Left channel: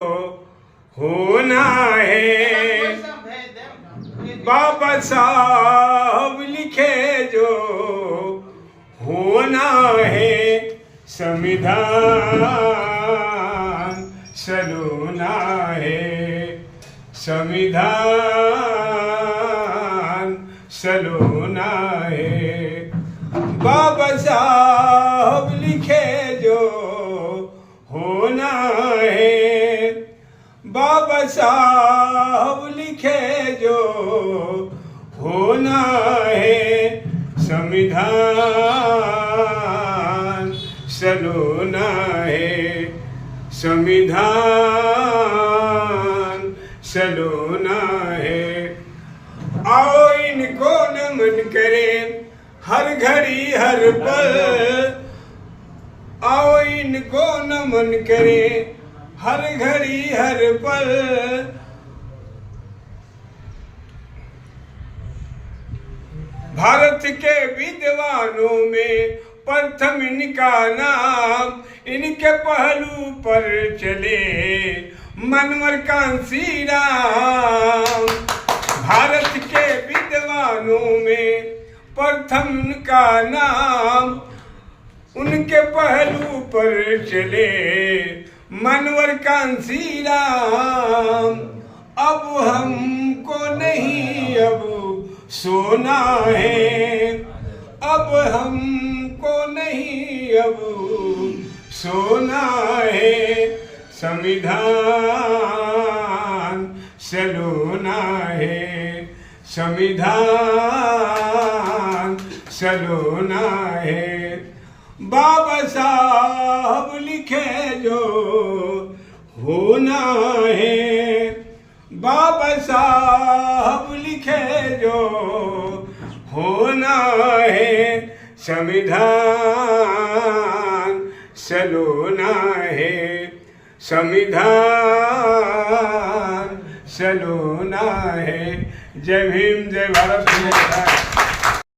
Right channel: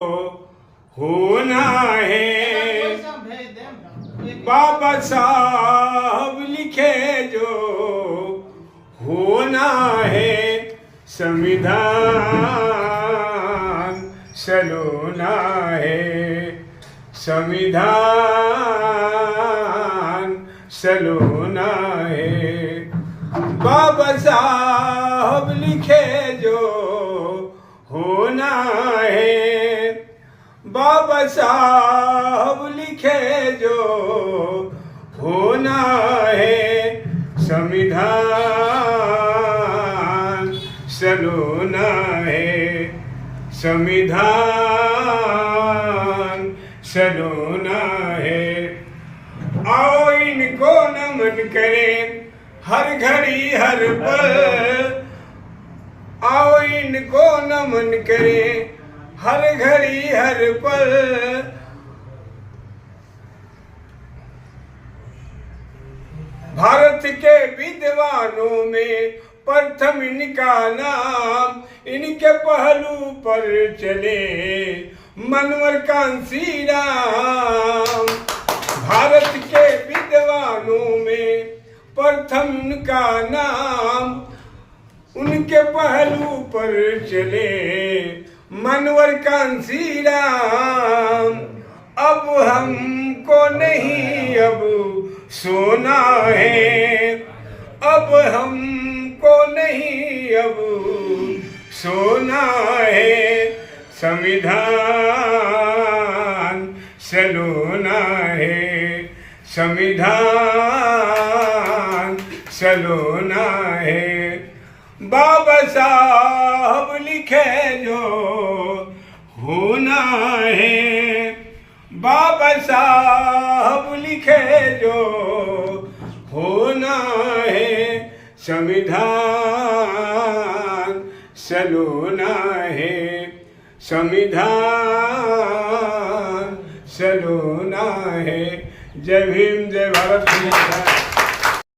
होना है। बाबा साहब लिखे जो होना है, संविधान सलोना है, संविधान सलोना है। बाबा साहब लिखे जो होना है, बाबा साहब लिखे जो होना है, संविधान सलोना है, संविधान सलोना है। आओ इनको नमन करें हर घड़ी हर पल, आओ इनको नमन करें हर घड़ी हर पल। भारत के विद्वानों में प्रथम इनका नाम, इनके पहलू पर चले मनवर कांसी राम। भारत के विद्वानों में प्रथम उनका नाम, उनके पहलू पर चले मनवर कांसी राम। अब हमको नहीं अब सोना है, अब हमको नहीं अब सोना है, संविधान सलोना है, संविधान सलोना है। बाबा साहब लिखे जो होना है, बाबा साहब लिखे जो होना है, संविधान सलोना है, संविधान सलोना है। जय भीम, जय भारत।